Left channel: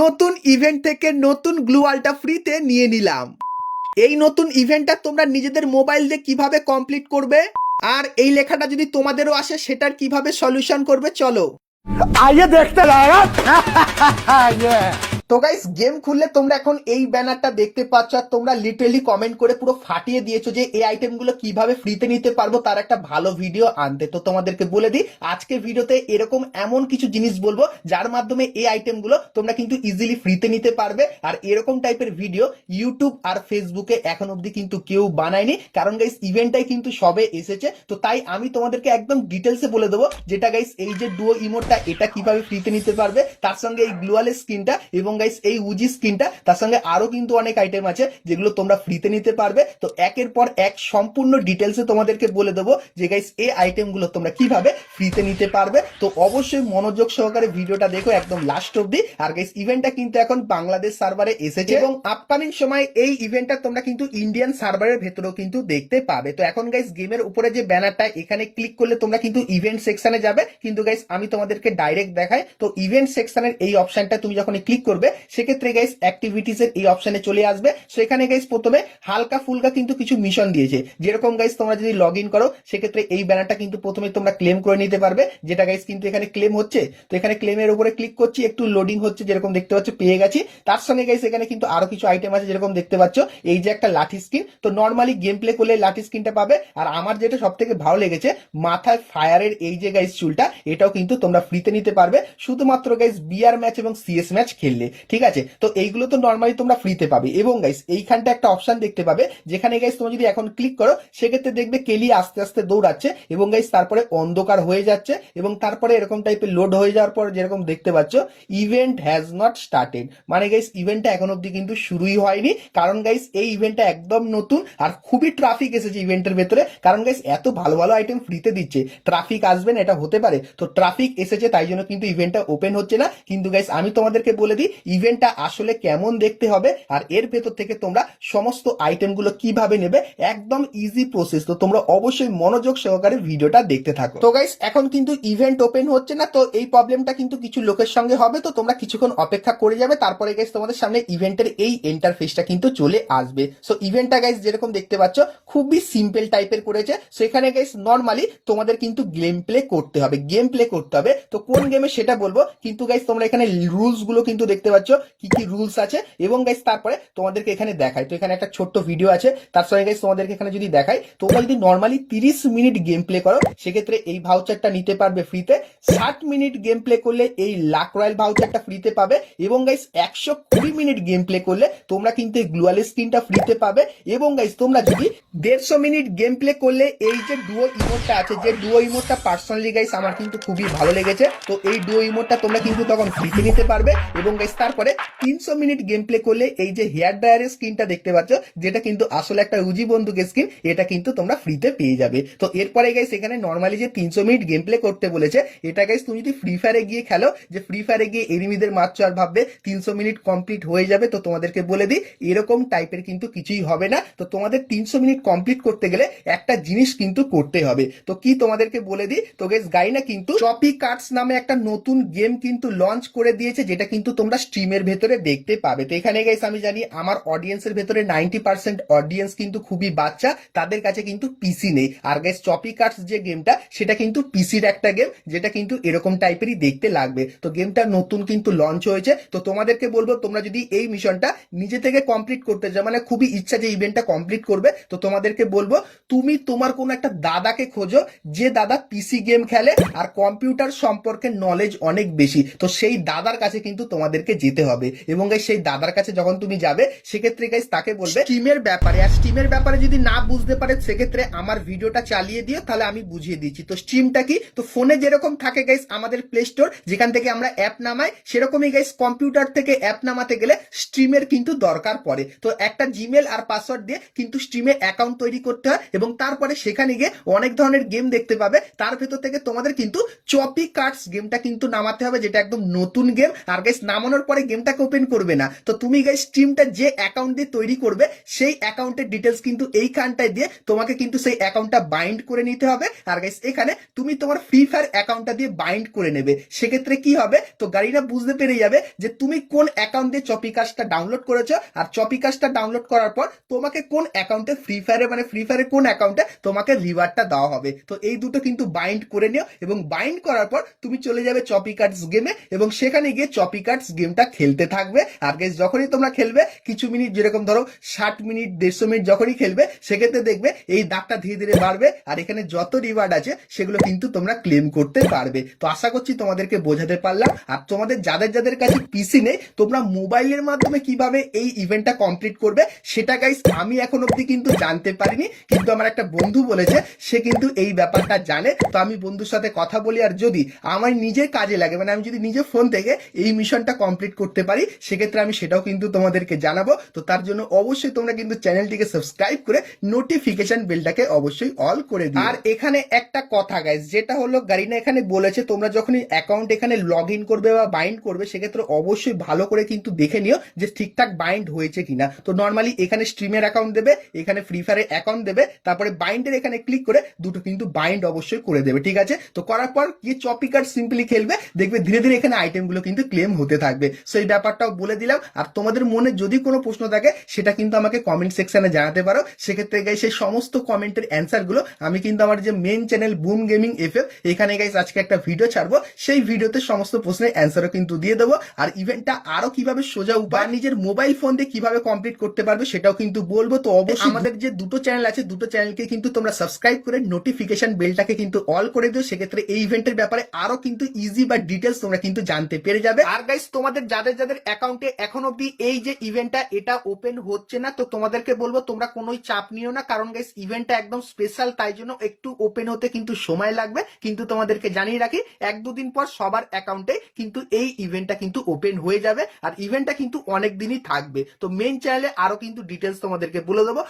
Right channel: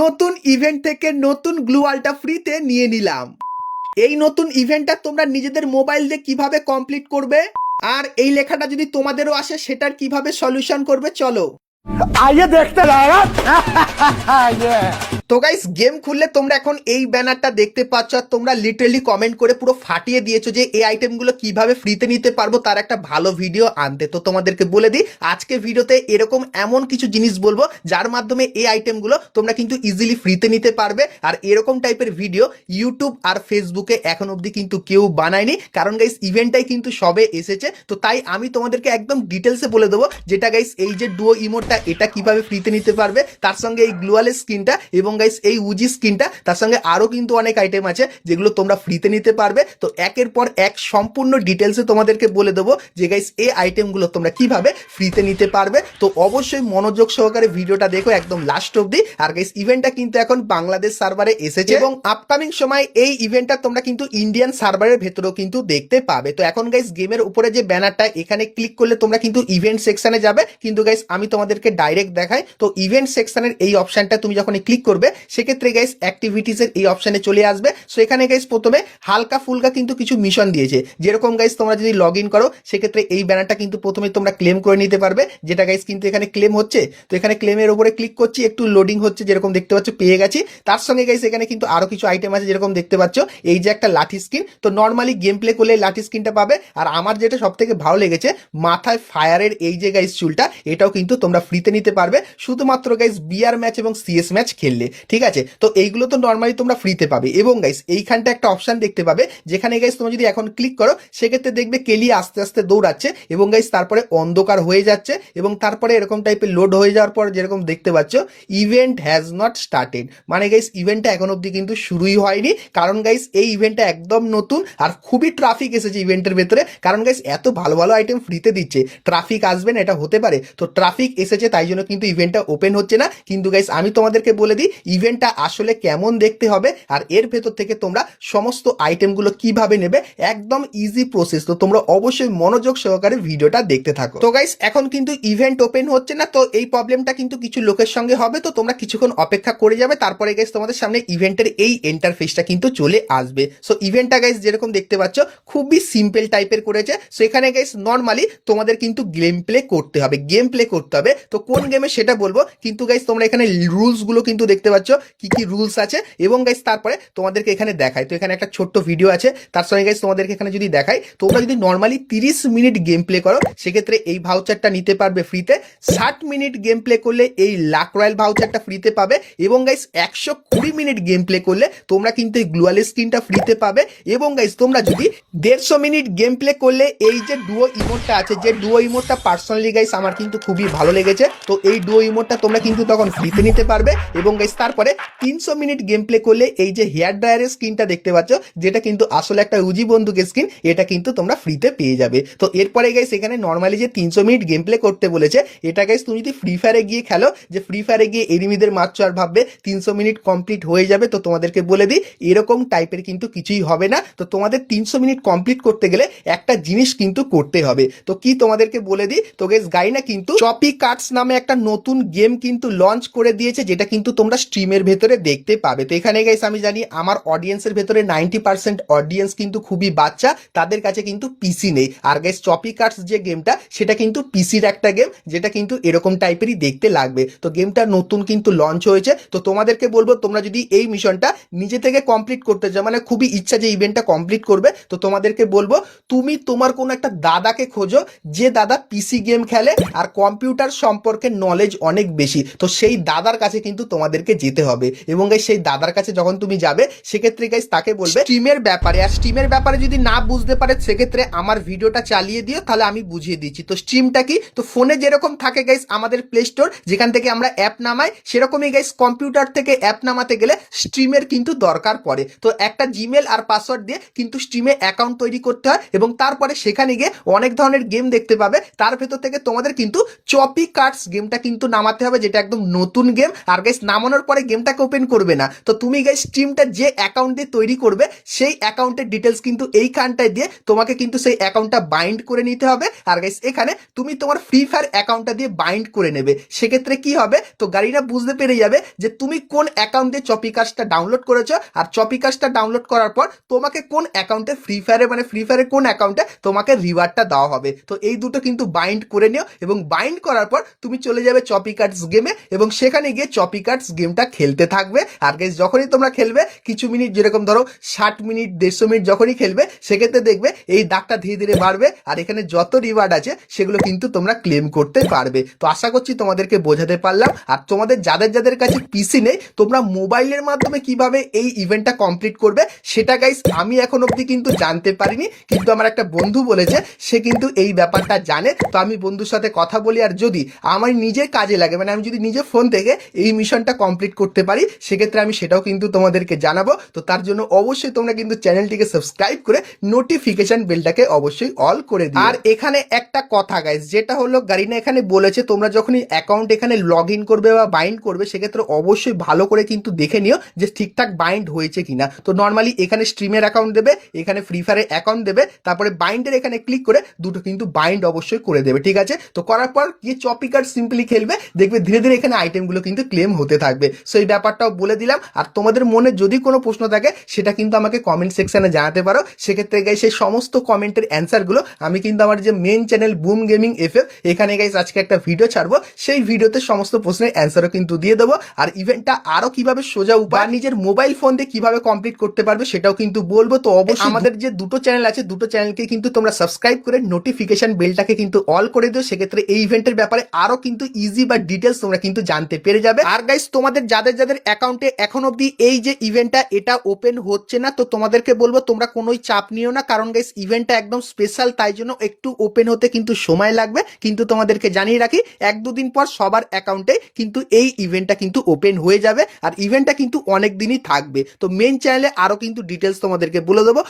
নতুন ইভেন্ট থেকে নতুন গ্লুয়ালটা ফ্রিতে নিয়ে নিলাম। এই নতুন ইভেন্টটা তোমরা নিজেদের মোবাইল দিয়ে কিভাবে কমপ্লিট করবে, আর এই লেখাটা যদি তোমাদেরও আসে সেটার কিভাবে সলিউশন করবে, চলো आइए देखते जाएगा ये তো গাইস, গেম খুললে তোমরা এখন এই ব্যানারটা দেখতে পাচ্ছ, আর তোমরা লিটারালি কমেন্ট করে পুরো ফাটিয়ে দিয়েছো যে এই আইটেমগুলো কিভাবে ফ্রিতে নিতে পারবো, তার একটা ভালো ভিডিও আনতে। তো তোমাদেরকে বলে দিই, আজকে ভিডিওতে এরকম এমন কিছু জিনিস বলবো যার মাধ্যমে এই আইটেমগুলো তোমরা কিন্তু ইজিলি ফ্রিতে নিতে পারবে। আর এরকম টাইপের ভিডিও ইউটিউব আর ফেসবুকে এখন অবধি কিন্তু কেউ বানায়নি, কারণ গাইস ইভেন্টটাই কিন্তু সবে এসেছে। তো তাই আমি তোমাদেরকে একদম ডিটেলসে বলে দেবো যেটা গাইস, এই যে ডুও ইমোটটা এটা কিভাবে ফ্রিতে নিতে পারবে, তার সঙ্গে এই গ্লুয়ালের স্কিনটা এবং গাইস এই উজি স্কিনটা, তার সঙ্গে আরো কিন্তু অনেক আইটেম আছে যেগুলো তোমরা ফ্রিতে নিতে পারবে। তো একের পর এক সম্পূর্ণ ডিটেলসে তোমাদেরকে বলে দেবো যে গাইস এই আইটেমগুলো তোমরা কিভাবে ফ্রিতে নিতে পারবে। তো অবশ্যই মনোযোগ সহকারে ভিডিওটা দেখো একদম লাস্ট অবধি। আর গাইস ইভেন্টটা কিন্তু এখন বাংলাদেশ সার্ভারে এসেছে এবং আপকামিং সময় এই ইভেন্টটা তোমরা কিন্তু ইন্ডিয়ান সার্ভারের ভেতরেও কিন্তু দেখতে পাবে। তো এখন গাইস গেমের উপরে যে ব্যানারটা, এখানে ক্লিক করলে তোমরা কিন্তু ইভেন্ট সেকশনে যাবে, কিন্তু গাইস আমি তোমাদেরকে ডাইরেক্ট দেখাই। তো ইভেন্ট সেকশনের এই অপশনটা তুমি যখন ক্লিক করবে, সেক্ষেত্রে গাইস অ্যাক্টিভিটিস এর এই অপশনে চলে আসবে। সো এখানে গাইস প্রথমে হালকা ফুলকা কিন্তু কিছু মিশন দিয়েছে, যেরকম গাইস তোমরা যদি লগ ইন করো সেক্ষেত্রে এই ব্যানারটা কিন্তু প্রথমে তোমরা ক্লেম করে নিতে পারবে, যেটা গাইস কিন্তু এখানে ক্লেম হচ্ছে। তো এখানে ক্লেমের উপরে ক্লিক করছি, একটু লোডিং হচ্ছে, যেরকম দেখতে পাচ্ছ পেয়ে গেছি। তার সঙ্গে গাইস এখানে কিন্তু আরো কিছু আইটেম আছে, যেরকম দেখতে পাচ্ছ এই যে একটা লাঠি স্কিন। তো নর্মালি গেম প্লে করলে লাঠি স্কিনটা পাবে। আর আমার যেটা সব থেকে ভালো লেগেছে, মাথায় ফায়ারের এই যে গাইস চুলটা, এটাও কিন্তু তোমরা ফ্রিতে নিতে পারবে শুধুমাত্র গাইস বিআর ম্যাচ এবং সিএস ম্যাচ খেললে, ঠিক আছে। তো এইগুলো তো নর্মালি তোমরা ফ্রিতে পাবে। এবং গাইস এইখানটা একটা অপশন দেখতে পাবে, যেখানে গাইস তোমরা যদি এখন ক্লিক করো সেক্ষেত্রে দেখবে কেলি আস্তে আস্তে দৌড়াচ্ছে এবং গাইস তারপরে অন্ধকার হয়ে যাচ্ছে এবং তারপরে এরকম টাইপের লোড হয়ে যাওয়ার পর যেরকম দেখতে পাচ্ছ ইভেন্ট হ্যাজ নট স্টার্টেড, মানে গাইস ইভেন্টটা এখন অব্দি কিন্তু শুরুই হয়নি। কারণ গাইস এই ইভেন্টটা একদম নতুন আর খুবই ট্রাফিক এসেছে ইভেন্টের ভেতরে, কারণ গাইস এত ভালো ভালো আইটেম ফ্রিতে দিচ্ছে, ট্রাফিক আসবে না এটা হতে পারে? তো ট্রাফিক এসেছে তাই জন্য কিন্তু ইভেন্টটা ওপেন হচ্ছে না। কিন্তু গাইস আমি তোমাদেরকে বলে দিই ইভেন্টটা আসলে কেমন দেখতে হবে আর এর ভেতর থেকে তোমরা সমস্ত আইটেমগুলো কিভাবে নেবে, একদম ইজি প্রসেস। তো তোমরা অবশ্যই মনোযোগ সহকারে ভিডিওটা দেখতে থাকো। তো গাইস এখন কিন্তু ইভেন্ট ওপেন হচ্ছে না, তো এই প্রবলেমটা কিন্তু কিছু লোকের সঙ্গে হবে। তো তোমরা কিছুক্ষণ অপেক্ষা করে যাবে, তারপরে গাইস তোমাদের সামনে ইভেন্টের এই ইন্টারফেসটা কিন্তু চলে আসবে। সো ইভেন্টটা গাইস যেরকম দেখতে পাচ্ছ খুবই সিম্পল টাইপের করেছে। সো এখানে গাইস নর্মালি তোমাদের কিন্তু গেম প্লে করতে হবে, গেম প্লে করতে হবে। তো কোন গেমে সেটা বলবো, কিন্তু গাইস তোমরা এখানে রুলস গুলো কিন্তু দেখতে পাচ্ছ কি কি রুলস আছে। এবং গাইস তারপরে তোমাদেরকে এখানে দেখাই, তো এখানে একটা ছোট্ট ভিডিও আছে, তার সঙ্গে গাইস তোমাদেরকে এখানে যদি দেখাই, তোমরা যদি নর্মালি 30 মিনিট গেম প্লে করো সেক্ষেত্রে এই ভাউচারটা নিতে পারবে ফ্রিতে। 60 মিনিট গেম প্লে করলে এই লাক রয়্যাল ভাউচারটা ফ্রিতে পাবে। এবং গাইস 120 মিনিট গেম প্লে করলে তোমরা কিন্তু এই গ্লুয়াল স্কিনটা ফ্রিতে পাবে। এবং গাইস তোমরা যদি 150 মিনিট গেম প্লে করলে এই যে ডুও ইমোটটা আছে, যে ডুও ইমোটটা পার্সোনালি গাইস আমার কিন্তু খুবই ভালো লেগেছে, তো এই ডুও ইমোটটা তোমরা কিন্তু তখন ফ্রিতে নিতে পারবে। এবং গাইস তারপরে 300 মিনিট গেম প্লে করলে এই যে হেয়ার ড্রায়ারের স্কিনটা দেখতে পাচ্ছ, যেটা কিন্তু আসলে একটা উজি বন্দুকের স্কিন, এটা কিন্তু তোমরা ফ্রিতে পেয়ে যাবে। তো এরপরে গাইস এখানে নর্মালি যে 300 মিনিট গেম প্লে করতে বলেছে, এটা গাইস তুমি যদি ফ্রি ফায়ারে গিয়ে খেলো, যে ফ্রি ফায়ারে গিয়ে এনিমিদের মারছো আর ভাববে 300 মিনিট কমপ্লিট হয়ে যাবে, তো তোমাদেরকে বলে দিই এরকম টাইপের কিন্তু কিছুই হবে না। তো তোমাদের 300 মিনিট কমপ্লিট করতে গেলে একটা জিনিস কিন্তু করতে হবে। তো কি তোমাদেরকে বলে দিই, তো গাইস গাইনা কিন্তু চপি কার্ডস নামে একটা নতুন গেম কিন্তু লঞ্চ করে দিয়েছে, যেটা কিন্তু তোমরা স্ট্রিমের ভেতরে দেখতে পাবে। তো এখানে গাইস আমি জানি আমার অডিয়েন্সের ভেতরে 90% অডিয়েন্স কিন্তু খুবই বাচ্চা, তাদের কাছে কিন্তু পিসি নেই। আর গাইস চপি কার্ডস যে গেমটা, সেটা কিন্তু পিসির একটা গেম, যেটা কিন্তু এরকম টাইপেরই দেখতে লাগবে। তো গেমটা নতুন কিন্তু লঞ্চ হয়েছে। তো তোমাদেরকে বলবো তোমরা যদি এই মিশনটা নিজে থেকে কমপ্লিট করতে চাও, মানে খুবই ইচ্ছা যে ইভেন্টটা কমপ্লিট করবে, তো তোমাদেরকে বলবো তুমি তোমার কোনো একটা দাদাকে খোঁজো, যে দাদা পিসি গেম খেলে আর কম্পিউটার সম্পর্কে নলেজ অনেক বেশি। তো সেই দাদার কাছে কিন্তু তোমাদেরকে যেতে হবে। এবং গাইস সেই দাদার কাছে যখন তুমি যাবে, সেক্ষেত্রে গাইস তাকে বলবে স্ট্রিমের ব্যাপারে, আর স্ট্রিমের ব্যাপারে যদি না বুঝতে পারে সেক্ষেত্রে আমার ভিডিওটা চালিয়ে দিও, তাহলে আমি বুঝিয়ে দিচ্ছি। তো স্ট্রিমটা কি, তো ফোনে যেরকম থাকে গাইস আমাদের প্লে স্টোর, যেখান থেকে আমরা অ্যাপ নামাই, সেরকমই গাইস কম্পিউটার থেকে অ্যাপ নামাতে গেলে স্ট্রিমের কিন্তু দরকার পড়ে। তো একটা জিমেল আর পাসওয়ার্ড দিয়ে কিন্তু স্ট্রিমে অ্যাকাউন্ট তৈরি করতে হয় এবং তারপরে সেখানে গিয়ে অনেক ধরনের গেম দেখতে পাবে। তার ভেতর থেকে তোমাদের কিন্তু চপি কার্ডস গেমটা কিন্তু নামাতে হবে, যেটা একদম নতুন গেম। আর গাইস নামানোর পরে পরে গেমটাকে ওপেন করবে না। তো তুমি গাইস স্ট্রিমটা যে অ্যাকাউন্ট দিয়ে তৈরি করবে সেই অ্যাকাউন্টের ডিটেলস কিন্তু এইখানটায় দিয়ে তোমাকে কিন্তু সেই অ্যাকাউন্টটা বাইন্ড করে নিতে হবে। আর গাইস এখানে তুমি তোমার ফ্রি ফায়ার অ্যাকাউন্টটা দিয়ে বাইন্ড করে নেবে। সেক্ষেত্রে কি হবে, তো গাড়িটা বুঝতে পেরে যাবে যে তুমি কোন অ্যাকাউন্ট দিয়ে চপিকাস্টটা ডাউনলোড করেছো, আর চপিকাস্টটা ডাউনলোড করার পর তোমাকে কোন অ্যাকাউন্টে ফ্রি ফায়ারে কোন অ্যাকাউন্টে তোমাকে রিওয়ার্ডটা দেওয়া হবে। তো এই দুটো কিন্তু বাইন্ড করে নিও, এবং বাইন্ড করার পর তুমি চলে যাবে চপিকার্টস গেমে, এবং সেখানে গিয়ে চপিকার্টস গেমটা খেলতে থাকবে। আর গাইস যখনই তোমরা খেলবে কিছু মিনিট, যেরকম ধরো 60 মিনিট 150 মিনিট যখনই খেলবে, সেক্ষেত্রে দেখবে এই দাগটা ধীরে ধীরে বাড়বে, আর এখানে যত রিওয়ার্ড আছে সেগুলো কিন্তু তোমরা ক্লেম করতে পারবে। তো আশা করছি তোমাদেরকে বোঝাতে পারলাম। আর তোমাদের যাদের যাদের কাছে পিসি নেই, তোমরা মোবাইলের মাধ্যমে কিভাবে এই ইভেন্টটা কমপ্লিট করবে সেটা গাইস আমি এখন অবধি কিন্তু জানতে পারিনি, কিন্তু আমার একটা বন্ধু বলেছে সে কিন্তু এই ব্যাপারটা জানে। তো আমি বন্ধুর সাথে কথা বলি, আর যদি আমার নিজের কাজে লাগে, মানে আমি যদি নিজে ফোন থেকে এই মিশনটা কমপ্লিট করতে পারি, সেক্ষেত্রে আমি সেটাও কিন্তু তোমাদেরকে জানাবো। তো তার জন্য অবশ্যই তোমরা কিন্তু চ্যানেলটিকে সাবস্ক্রাইব করে নোটিফিকেশন বেলটাকে অবশ্যই অল করে দিও। আর এখানে একটা কথা গাইস, যেটা হলো গারিনা এখানে বলেছে তোমরা যখনই অ্যাকাউন্ট এখানে লগ ইন করবে বা বাইন্ড করবে, সেক্ষেত্রে অবশ্যই ভালো করে কিন্তু দেখে নিও যে ঠিকঠাক বাইন্ড হয়েছে কিনা। তো নর্মালি এখানে স্ট্রিমের অ্যাকাউন্ট দেবে, এখানে ফ্রি ফায়ারের অ্যাকাউন্ট দেবে, তারপরে বাইন্ডের এখানে ক্লিক করে দুটো কিন্তু বাইন্ড অবশ্যই করে দেবে, ঠিক আছে। তো করার পর গিয়ে চপিকার সিম্পলি খেলবে, দেখবে ধীরে ধীরে এখানে আইটেমগুলো কিন্তু ক্লেম হতে থাকবে। সো এই ব্যাপারটাও বলে দিলাম। আর তোমাদের মনে যদি কোনো প্রশ্ন থাকে সেটা কিন্তু আমাকে কমেন্ট সেকশনে জানাতে পারো। সেক্ষেত্রে গাইস সেই সমস্ত কমেন্টের অ্যান্সারগুলো আমি কিন্তু আমার যে main channel boom gaming FF, এখানে গাইস আজকে একটা ভিডিও ছাড়বো, সেই ভিডিওতে সমস্ত প্রশ্নের অ্যান্সারও কিন্তু দিয়ে দেবো। আর ইভেন্টটা আরো কিভাবে সোজা উপায় নিজের মোবাইল ফোন দিয়ে কিভাবে কমপ্লিট করতে পারবে সেটাও কিন্তু বলবো। তো অবশ্যই আমাদের যে দুটো চ্যানেল আছে, দুটো চ্যানেলকে কিন্তু তোমরা সাবস্ক্রাইব করে নোটিফিকেশন বেলটাকে কিন্তু অল করে দিও। সেক্ষেত্রে এই ইভেন্টের ব্যাপারে আরো কিন্তু ইজি বা ডিটেলস তোমরা কিন্তু জানতে পেরে যাবে। আর গাইস তোমাদের যাদের যাদের অ্যাকাউন্টে এখন অবধি এই যে ইভেন্টটা এটা ওপেন হচ্ছে না, তো তোমাদেরকে বলবো তোমরা কোনোই চাপ নিও না, কারণ গাইস ইভেন্টটা একদম স্পেশাল, তাই জন্য একটু ওপেন হতে কিন্তু সময় লাগবে। কিন্তু তোমাদেরকে জানিয়ে রাখি 1-2 দিন পর সবার অ্যাকাউন্টে কিন্তু এই ইভেন্টটা কিন্তু ওপেন হয়ে যাবে, আর ইভেন্টটা কিন্তু অনেক দিনই থাকবে। তো মেন চ্যানেলে আরো কিন্তু ডিটেলস তোমাদেরকে বলে দেবো।